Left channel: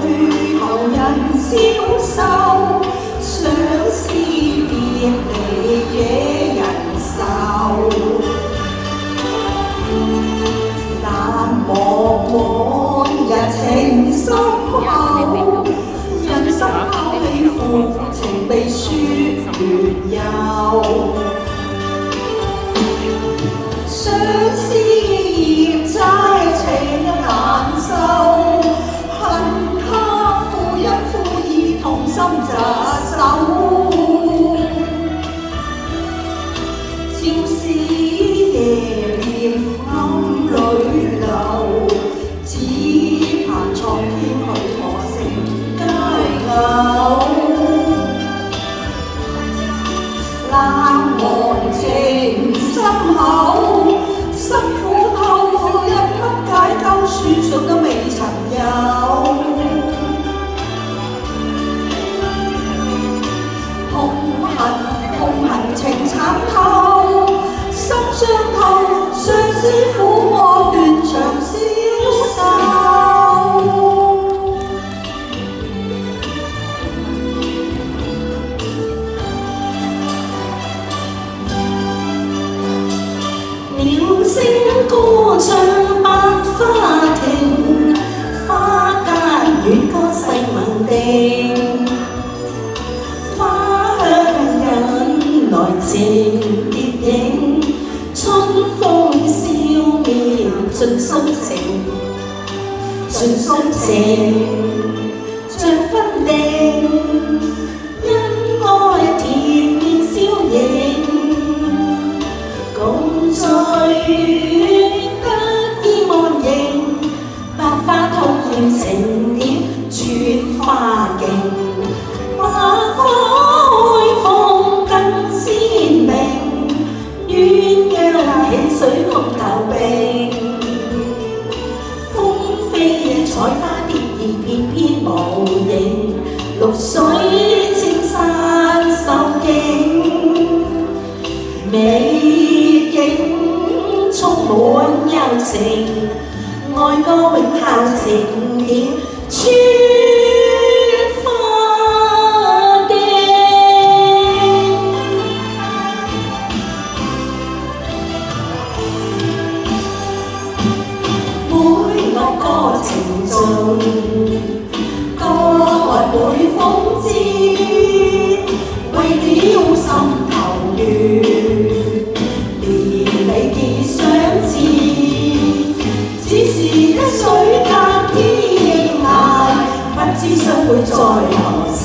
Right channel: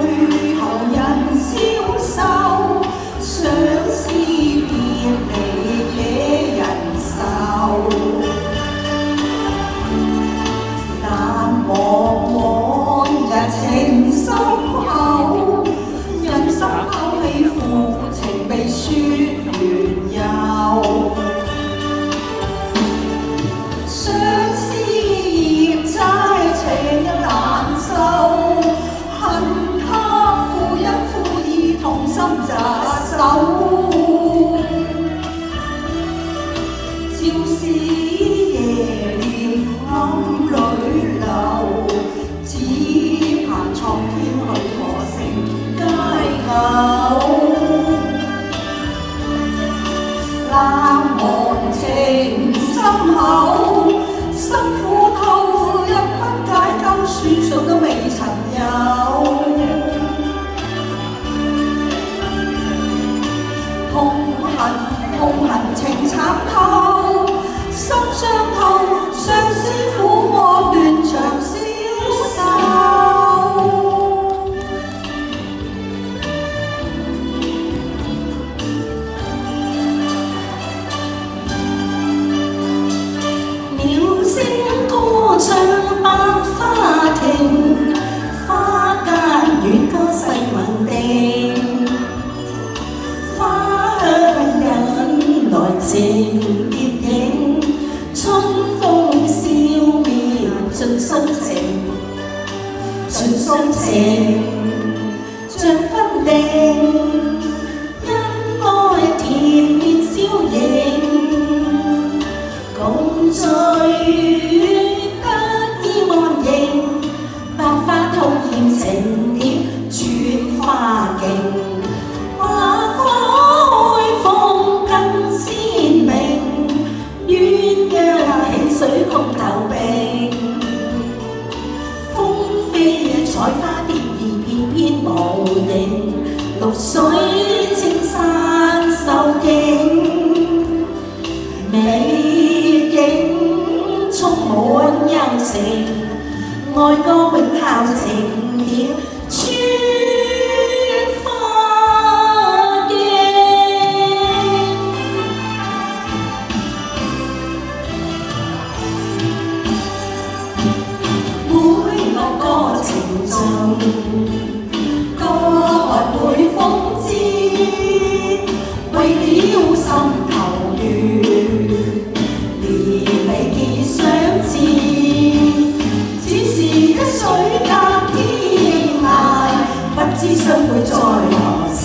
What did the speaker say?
去後人消瘦，相思別離惹人愁。但望往日情深厚，人生透氣負情被説亂遊。相思葉齋情難受，恨他負一負二同心扎手。朝思夜念暗裏流，只盼蒼天許我成佳偶。冷漠情深厚，辛苦透一筆解救，書信都未曾有。痛恨情慘透，心傷透，相思苦惡斷腸消瘦。鳥聲歌唱百花亭，花間遠歌細聞定，花香引來情結影，春風笑面盡心情，盡心情像分定，因愛甜面消影，共聚得意忘形，百花通染情點轉花徑。水共投並，風飛採花蝶兒翩翩無影，綠水青山秀景，美景充滿柔情，愛歌永效情點穿花徑。情重，歌來每風知，為了心頭亂，連理結相知，只是一水隔天涯，不知相會在何時。